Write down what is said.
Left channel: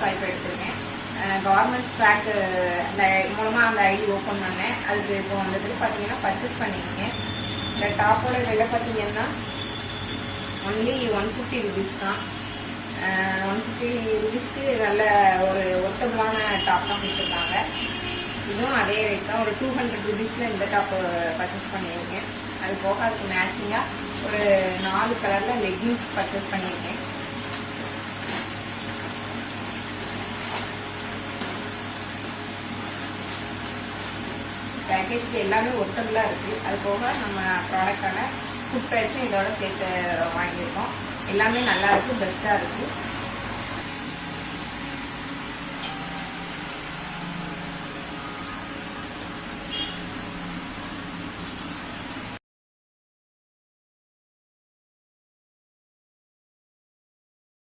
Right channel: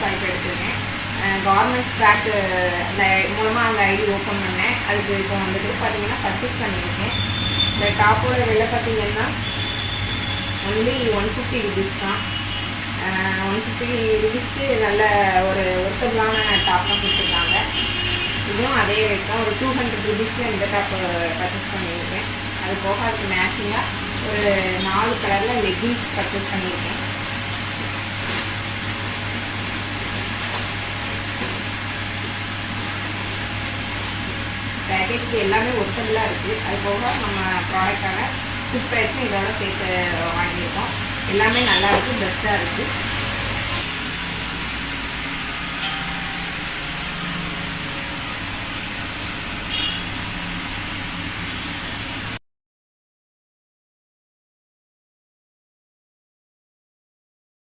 Swipe எடுத்திருக்கேன். Governments track அந்த மூலமாக அந்த ஐடி ஓப்பன் பண்ணேன். அதுக்கு இப்போ வந்துட்டு பார்த்தீங்கன்னா பர்ச்சேஸ் பண்ணியிருக்கேன். இந்த டாப்போட விலை பார்த்தீங்கன்னா ஒன்லி 150 ருபீஸ் தான். 150 ருபீஸ்க்கு நல்ல ஒரு ஒர்த்தபுளான டாப் தான் கொடுத்துருக்காங்க. இதுவும் அதே ரேட் தான். ஒரு 200 ருபீஸில் இந்த டாப்பு பர்ச்சேஸ் பண்ணியிருக்கேன். அது போக அதுக்கு மேட்சிங்காக ஒரு 4 கலரில் லெகின்ஸ் பர்ச்சேஸ் பண்ணியிருக்கேன். பேக்கேஜ் எல்லாமே ஒர்த்தபுளாக இருக்குது. அது போக நம்ம ப்ராடக்டான ஃபுட் பேட்சும் இதோட சேர்த்து வாங்கியிருக்கோம். எல்லாமே நல்லா இருக்குது, பெஸ்ட்டாக இருக்குது.